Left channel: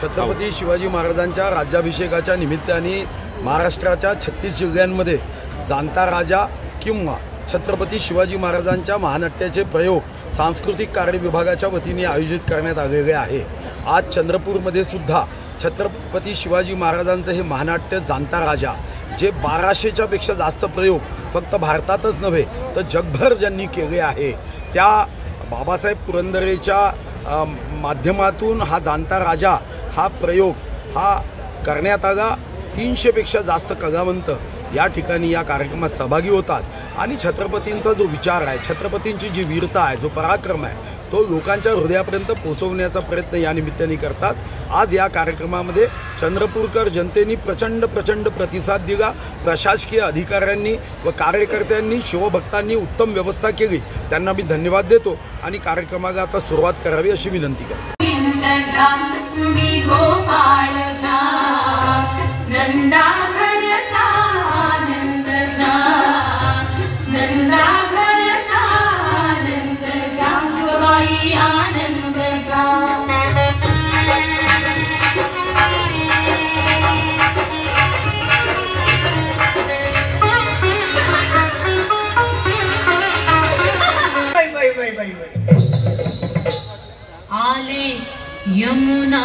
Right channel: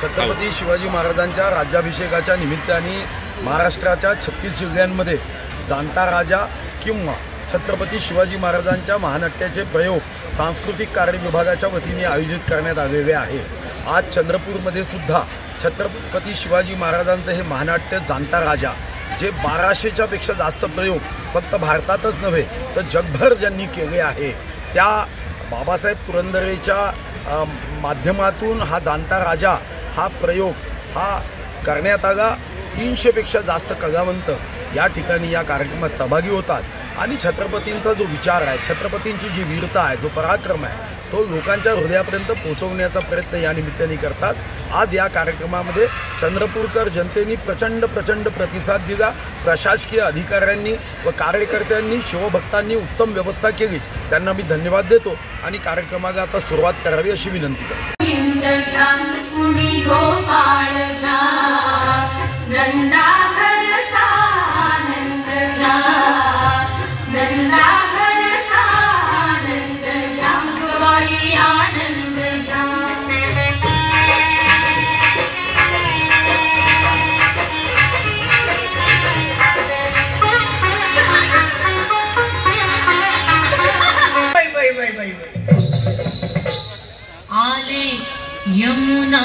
छत्रपती शिवाजी महाराजांच्या राज्याभिषेकाच्या निमित्ताने महाराष्ट्राच्या 36 जिल्ह्यांमध्ये जाणता राजा किंवा छत्रपती शिवाजी महाराजांच्या महानाट्याचे प्रयोग सांस्कृतिक कार्य विभागाच्या वतीने आयोजित करण्यात आलेले आहे। आज चंद्रपूरमध्ये सुद्धा छत्रपती शिवाजी महाराजांचं हे महानाट्य जाणता राजा जे 1200च्या पेक्षा जास्त प्रयोग फक्त भारतातच नव्हे तर जगभर ज्यांनी केले आहे, त्या बाबासाहेब पुरंदरेच्या माध्यमातून हा जाणता राजा हा प्रयोग हा करण्यात आला। 300 पेक्षा जास्त कलावंत या ठिकाणी या कार्यक्रमात सहभागी होतात आणि छत्रपतींचा जो विचार आहे, छत्रपतींची जी वीरता आहे, जो पराक्रम आहे, तो लोकांच्या हृदयापर्यंत पोहोचवण्याचा प्रयत्न या निमित्ताने करतात। आज या कार्यक्रमामध्ये चंद्रपूरकर जनतेने प्रचंड प्रतिसाद दिला। प्रशासकीय अधिकाऱ्यांनी व कार्यकर्त्यांनी शिवभक्तांनी उत्तम व्यवस्था केली, त्यांना मी धन्यवाद देतो आणि कार्यक्रमाला आता सुरुवात करावी अशी विनंती करतो। आले यमुना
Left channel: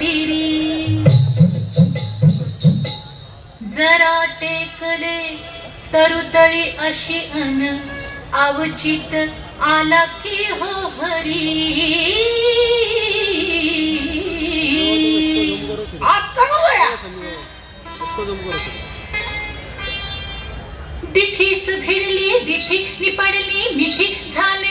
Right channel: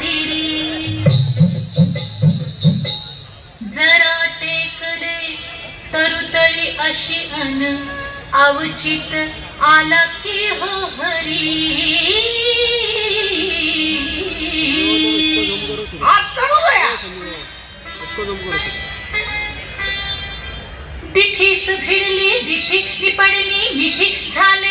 तीरी जरा टेकले तरुतळी अशी अन अवचित आला की हो हरी। दिठीस भिडली दिठी निपडली मिठी झाली